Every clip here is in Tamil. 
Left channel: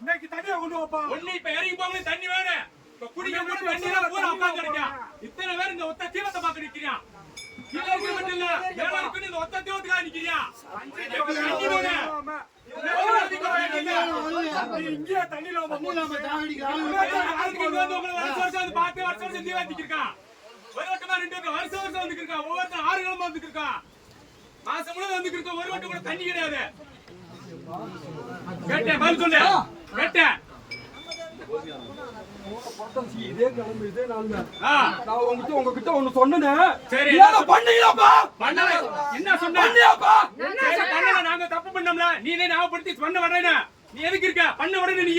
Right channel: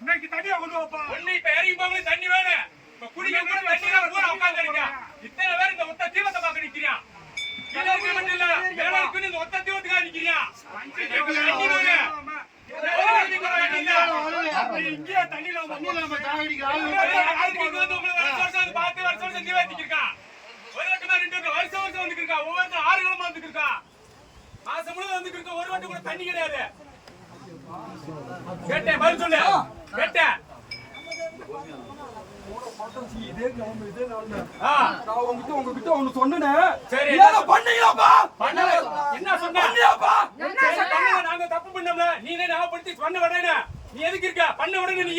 இன்னைக்கு தண்ணியா கொண்டு வாப்பா. ஒண்ணு இப்ப இறங்கி போகும்போது தண்ணி வேணும். இப்ப குடிக்க கூட தண்ணி தான் ஊர உட்கார்ந்து இருக்கான். இத்தனை பேர் இந்த ஒத்த தீவத்தை பார்க்க நிக்கிறான். கீழ இருக்கு மட்டும் இல்ல, மேல இருக்கு இந்த ஒத்த தீவத்துக்காக நிக்கிறான். தண்ணி வேணும். இங்கே தண்ணில வருஷம் தீவத்திருக்கான். ஒரு வட்டமா 2 வட்டம் வருஷம் வந்துருக்கான். ஒவ்வொருத்தரும் 6 கிழமை வந்துருக்கான். மாசம் முழுவதும் வந்துருக்க. ஒரு வட்டம் கூட தண்ணி கிடையாது. கேட்டேன், பதில் சொல்லு. கேட்டேன். இதே கிளம்பு, இதே நாள் நான் வந்துட்டு உங்ககிட்ட ஒண்ணு சொன்னேன். சரி, பண்ணீங்களாப்பா? பண்ணல. என்ன சொன்ன? நாங்க தப்பு பண்ணோம்ல, நீ ஞாபகப்படுத்தி பண்ண விடனே. நீ எதுக்கு இருக்க? பண்ண விடனே நீ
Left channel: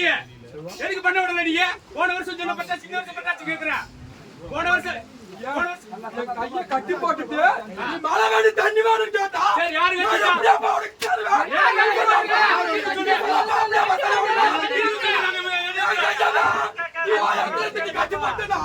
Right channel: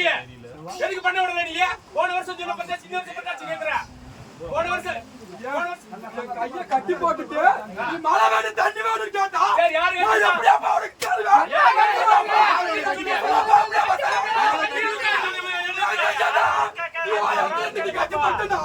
எதுக்கு பண்ண விடல? நீ போன வருஷம் சொன்ன பத்தாச்சு, இந்த வருஷம் பத்தாச்சு கேக்குற. போன வருஷம் கைய கட்டி போட்டுட்டு நீ மழை வேணும் தண்ணி வேணும் கேட்டா, சரி யாரு கேட்டா? உனக்கு தருவேன். கட்டி போட்டா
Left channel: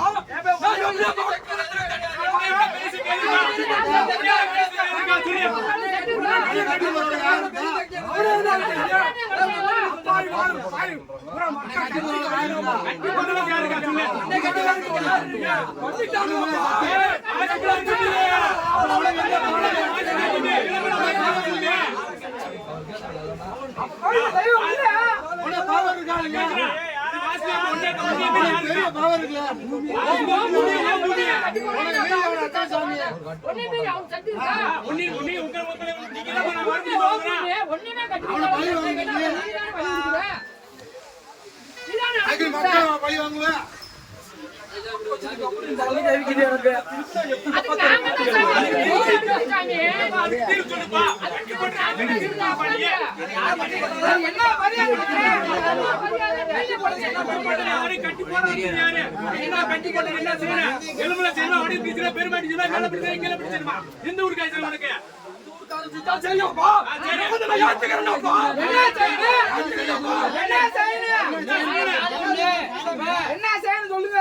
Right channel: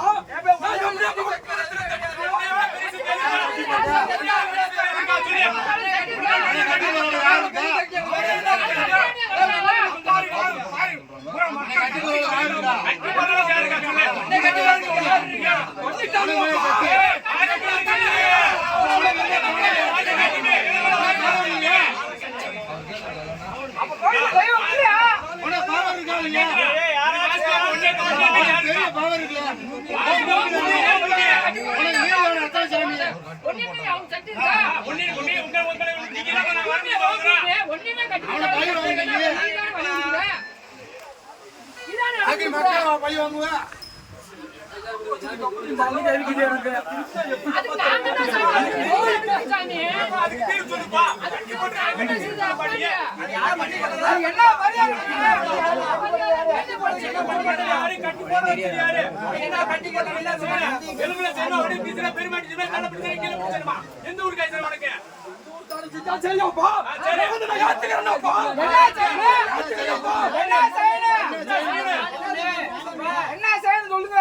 எந்த ஊருக்கு உனக்கு என்ன செய்யணும் சொல்லுங்க.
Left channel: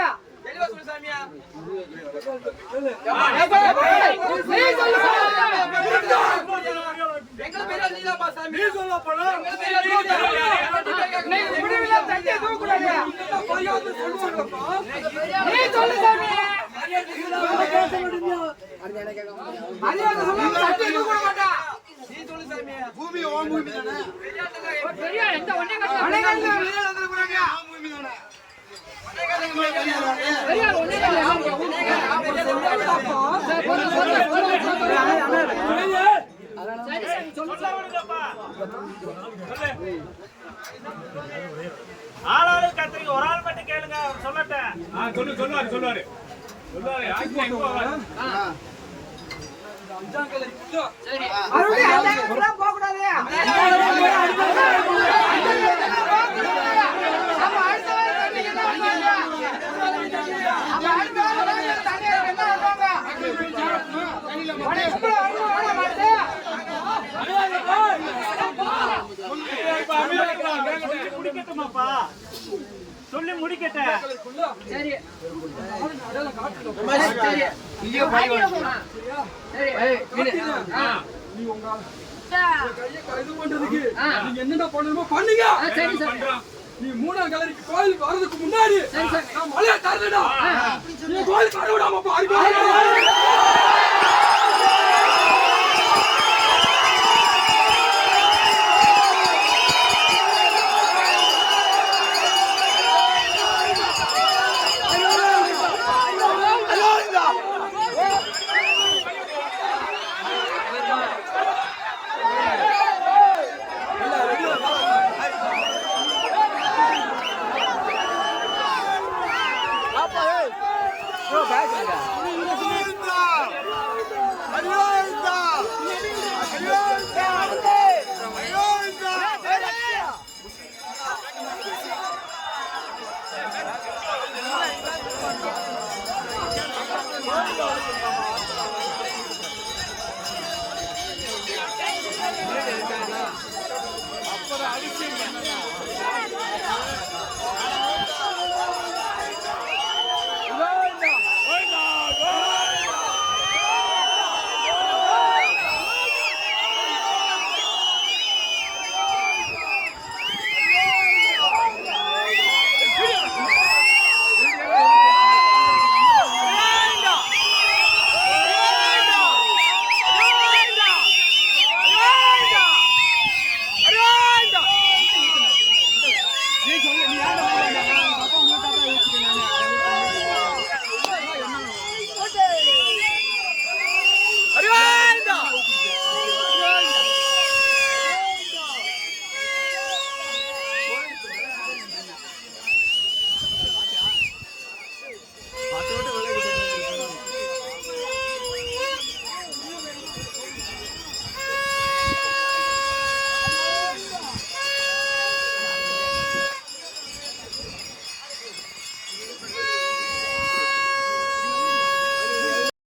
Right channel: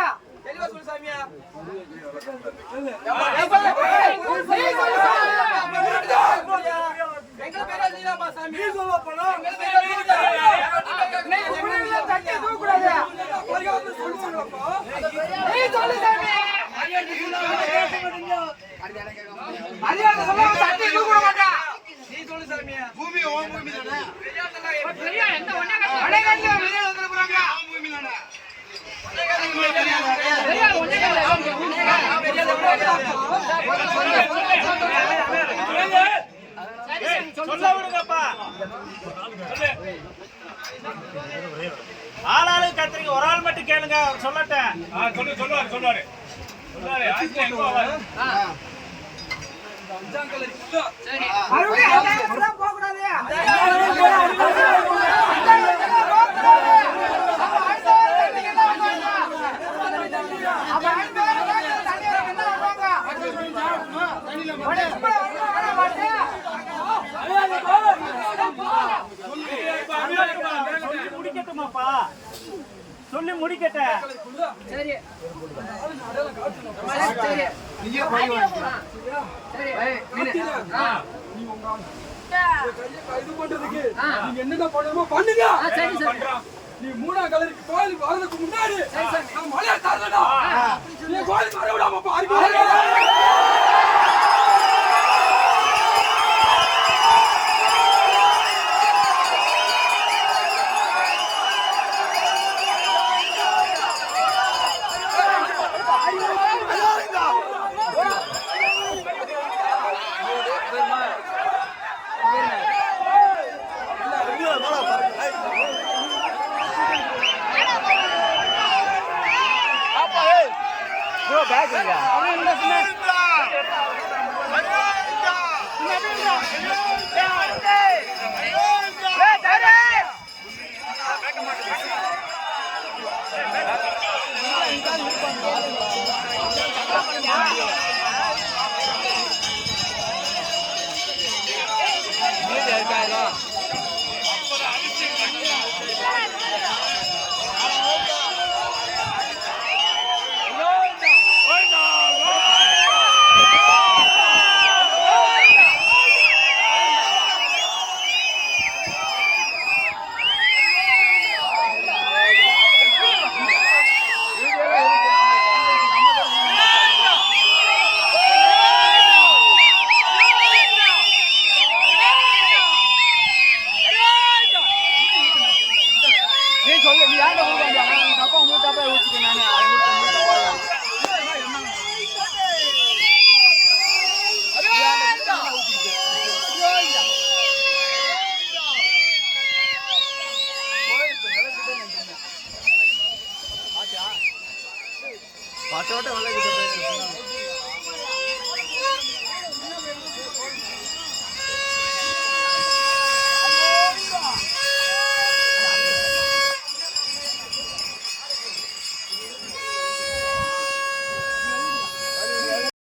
பூமி ஓம் பூமி தானே ஆளாளு கத்திரிக்க ஒரு ஆள் மட்டும் கேளுங்க சொல்லட்டேன். சொல்லுவாரு முடிக்கட்டுமாப்பா சொல்லி முடிக்கட்ட. என்னென்ன பண்ணணுமோ பண்ணுங்க. நீ 3ஆம் கலருக்கு கோயில் வரதுக்கு முன்னாடி நான் மலையை தரடா. நீ கோயில் வர விடாம பாருங்க. நீ சொல்லு, நீ யார்கிட்ட போய் அப்பா உங்களுக்கு ஊற்றிக்க. நான்